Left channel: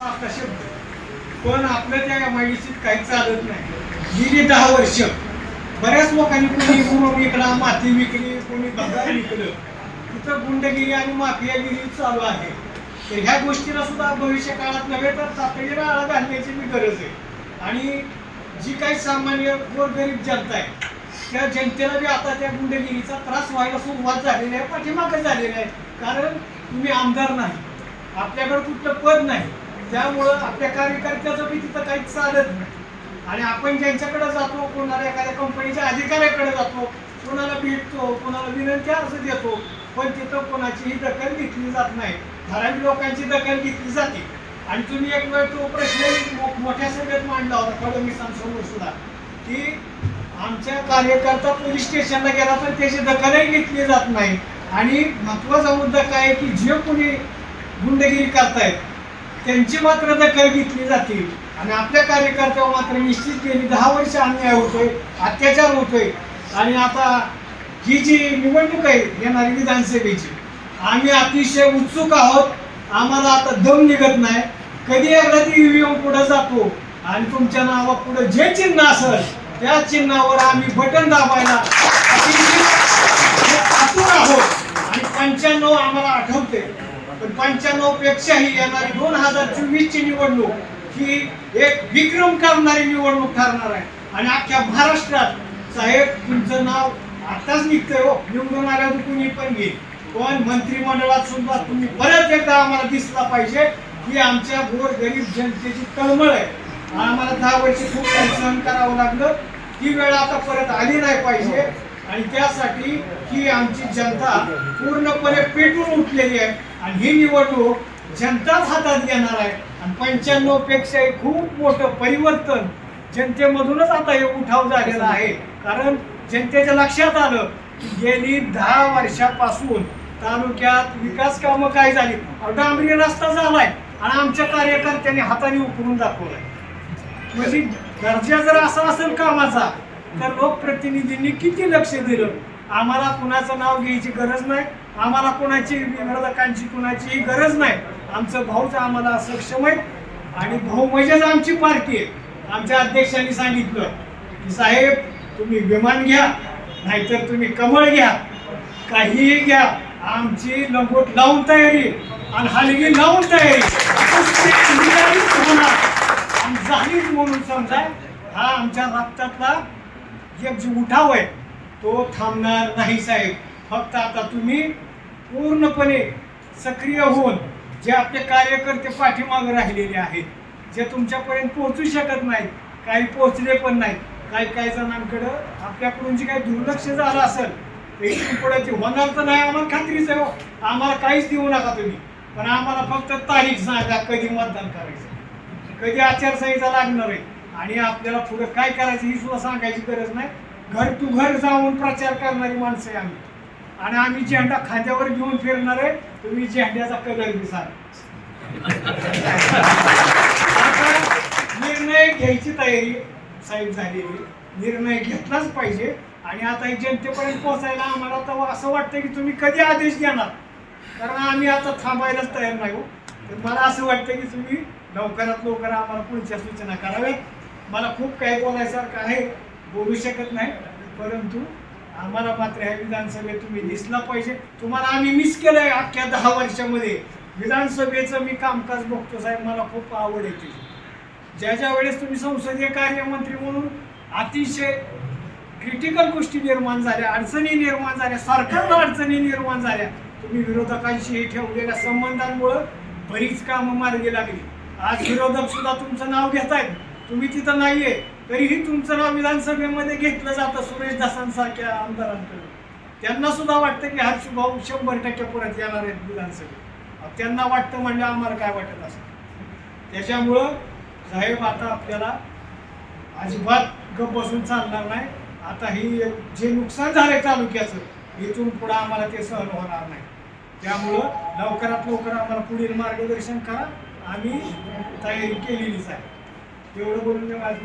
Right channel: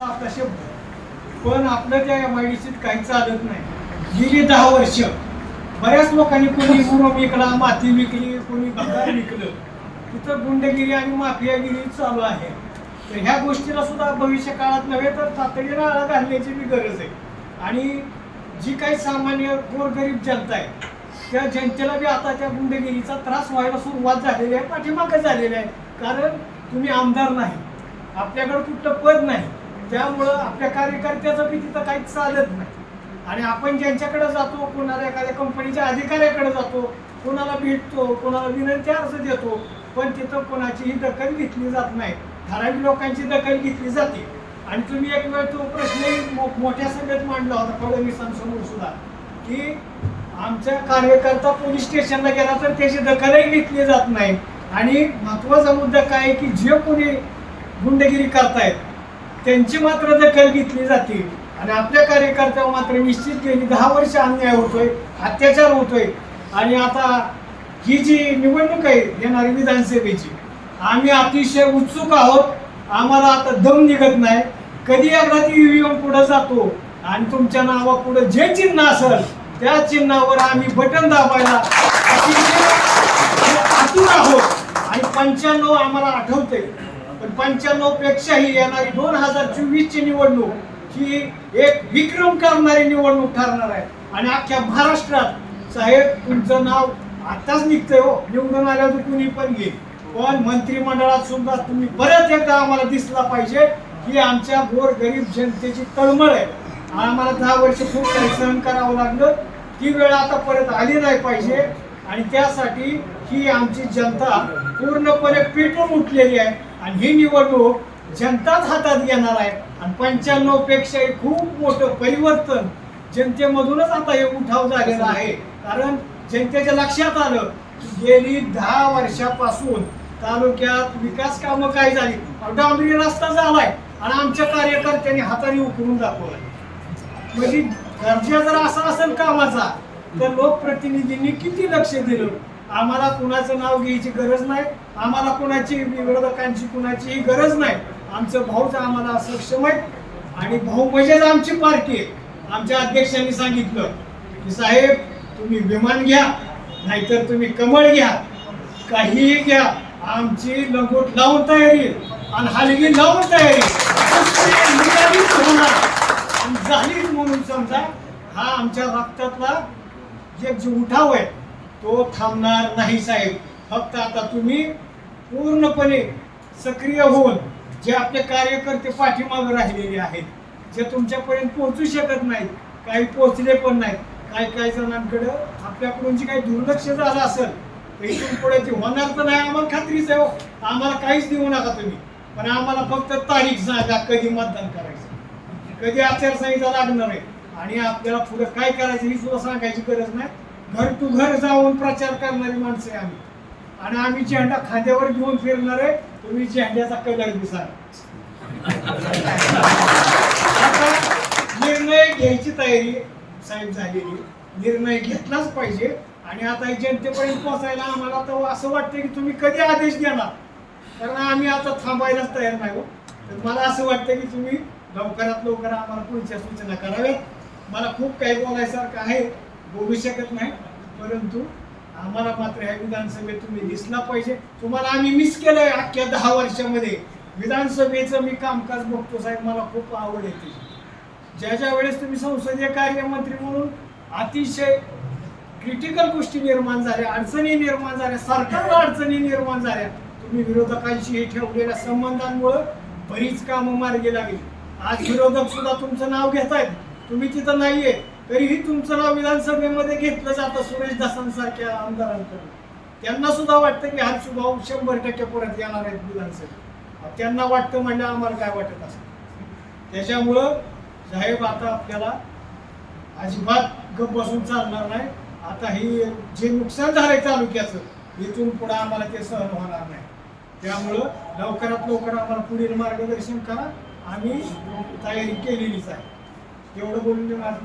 आता शब्द पण आपलं त्या एमआयडीसीत काही चालत नाही. गेली दहा वर्ष. बऱ्याच लोकांनी कोणी गुरु विकला माती विकली कोणी भंगार विकलं. तिथं गुंडगिरी आणि माफियागिरी चालू आहे. तर ह्या गोष्टीला सुद्धा भविष्य काळात नव्हे तर तातडीला आळा घालण्याची मी गरज आहे. आणि जी काही सामान्य गोरगरीब जनता आहे त्या जनतेला बी आता त्या गुंडगिरीचा त्रास व्हायला सुरुवात झालेली आहे पाठीमागं झालेली आहे. कारण तुम्ही आमदार नाही. आपल्याकडे कुठलं पद नाही. त्यामुळं आपल्या कार्यकर्त्याचं बी तिथं काहीच चालत नाही. आणि आपण ज्यांच्याकडे जातो कोणाला एखाद्या कंपनीच्या अधिकाऱ्याकडे जातो कोणाला भेटतो कोणाला विनंत्या असं देतो पण तिथं कोणाचीही दखल घेतली जात नाही. ठराविक लोकांची दखल घेतली जाते. आणि तुम्ही एक वेळ तो प्रश्न मो- मोठ्या सभेत मांडला होता फडणवीसांसमोर सुद्धा की आमच्या कार्यकर्ता पोलीस स्टेशनला गेला तर त्याची दखलही घेतली जात नाही. आणि महत्त्वाचा मुद्दा काय आहे की जे कोणी गुंडगिरी करतायत त्यांची मात्र दखल घेतली जाते आणि आपल्या कार्यकर्त्यावर मात्र निश्चित गेली दहा वर्ष अन्याय होतोय अत्याचार होतोय. आणि आता ही जी निवडणूक आहे येणारी विधानसभेची आम्ही अतिशय उत्सुक आहोत. आम्हाला आता दम निघत नाही. कधी एकदा ती ईव्हीएम पुढे जातो आणि तुमच्या नावा पुढे जे चिन्ह असेल त्या चिन्हावर आम्ही बटन दाबायला अतिशय आतुर आहोत. आणि पंच्याण्णव आम्हाला आठवते पण पंच्याण्णव पेक्षाही येणारी दोन हजार चोवीस ची निवडणूक ही एक विक्रम करणारी निवडणूक ठरणार आहे. आणि अख्ख्या महाराष्ट्रात साहेब तुमचं नाव आताच निघतंय हो. निवडून आल्यावर कुणी पण घेईल. पण मंत्रिमंडळात सुद्धा तुम्ही परत एकदा आम्हाला दिसला पाहिजे की आमच्या गोर गरीब जनतेची तळमळ आहे. आम्हाला दहा वर्ष खूप काही सहन करावं लागलं. ती वेळ आता परत आली नाही पाहिजे. आणि त्यासाठी ही आमची जनता पूर्णपणे पेटून उठलेली आहे. आणि ही निवडणूक जनताच हातात घेणार आहे. आणि पंच्याण्णव पेक्षाही खूप मोठं परिवर्तन जनतेमधूनच आता हे उठाव झालेला आहे. कारण जनतेच्या लक्षात आलं की गेली दहा वर्षापासून तालुक्यात विकास कामं काय झाली? डांबरी रस्ता झालाय आणि आमच्या कार्यकर्त्यांनी हाताने उकरून दाखवलाय. म्हणजे दर्जा जर असा असेल कामाचा तर लोकप्रतिनिधींनी किती लक्ष दिलं? आम्हाला कुणाचं नाव घ्यायची गरज नाही. आम्हाला कुणाची विरोधकांची कुणाचीही गरज नाही. आमचं भाऊच आम्हाला सक्षम आहे आणि भाऊ म्हणजेच आमची पार्टी आहे. आमच्या अध्यक्षांनी सांगितलं की साहेब तुम्ही विमान घ्या नाहीतर तुम्ही कमळ घ्या काहीही घ्या. आमची लंगोट लावून तयारी आणि हलगी लावून तयारी होणार झालीच म्हणून समजा हा आमच्या रक्तातला एक जो उठाव आहे तो थांबणार नाही साहेब. फक्त आता तुम्ही पूर्णपणे सक्रिय होऊन जे आपले कार्यकर्ते पाठीमागं राहिलेले आहेत जे तुमच्यापर्यंत पोहोचू शकत नाहीत काही पोहोचले पण नाहीत काही काही जणांकडं आपल्याकडून जे काही दुर्लक्ष झालं असेल तर इथून पुढे ते होणार तर नाही आम्हाला खात्रीच आहे हो. आम्हाला काहीच देऊ नका तुम्ही. पण आम्हाला फक्त तारीख सांगा कधी मतदान करायचं कधी आचारसंहिता लागणार आहे. आणि आपल्याला पुढे काय करायचं ही सुद्धा सांगायची गरज नाही. घर टू घर जाऊन प्रचार करणारी माणसं आहे आम्ही. आणि आम्ही झेंडा खांद्यावर घेऊन फिरणार आहे तुम्ही झेंड्याचा कलर दिसाल. आता निर्णय घ्यायची तयारी साहेब झालेली. निर्णय घेतलाच पाहिजे. आणि आता जनतेपर्यंत पोहोचायला आम्हाला तर असं वाटतं की तुम्ही कधी आदेश देणार? कारण आम्ही आता थांबायलाच तयार नाही हो. तर मला असं वाटतं की तुम्ही लवकरात लवकर आम्हाला पुढच्या सूचना कराव्यात. मला खूप काही बोलायसारखं आहे. बोलू शकत नाही. परंतु आम्हाला मात्र ह्या विधानसभेत तुम्ही दिसला पाहिजे. तुम्हाला आम्ही मिस केलंय अख्ख्या दहा वर्षामध्ये. विधानसभेचं मी कामकाज बघतो साहेब मला खूप आवड आहे ज्या ज्या वेळेस तुम्ही संसदीय कार्यमंत्री म्हणून अतिशय क्रिटिकल गोष्टी निर्माण झाल्या अडचणी निर्माण झाल्या सरकारला अडचणी निर्माण झाल्या तुम्ही विरोधकांशी हे ठेवलेल्या संबंधांमुळं बरीच कामं मार्गी लागली. आज विरोधक सुद्धा तुमचं नाव घेत आहेत तुम्ही तिथं नाहीये. तरीही तुमचं नाव विधानसभेमध्ये घेतलं जातं सुरेश दासांसारख्या आमदारांकडे त्यांना सुद्धा वाटतं की हर्षभाऊ शंभर टक्के परत येणार आहेत विधानसभेत. त्यांना वाटतं म्हणजे आम्हाला काय वाटत असं त्याच्यामुळं साहेब आता आपल्याला अजिबात गप बसून चालणार नाही. आता ही जे नुकसान झालंय तालुक्याचं इथून पुढे आम्हाला ते सहन होणार नाही. त्यामुळं लवकरात लवकर आम्हाला पुढील मार्गदर्शन करा. आम्ही तयारी केलेलीच आहे. तेवढं बोलून माझं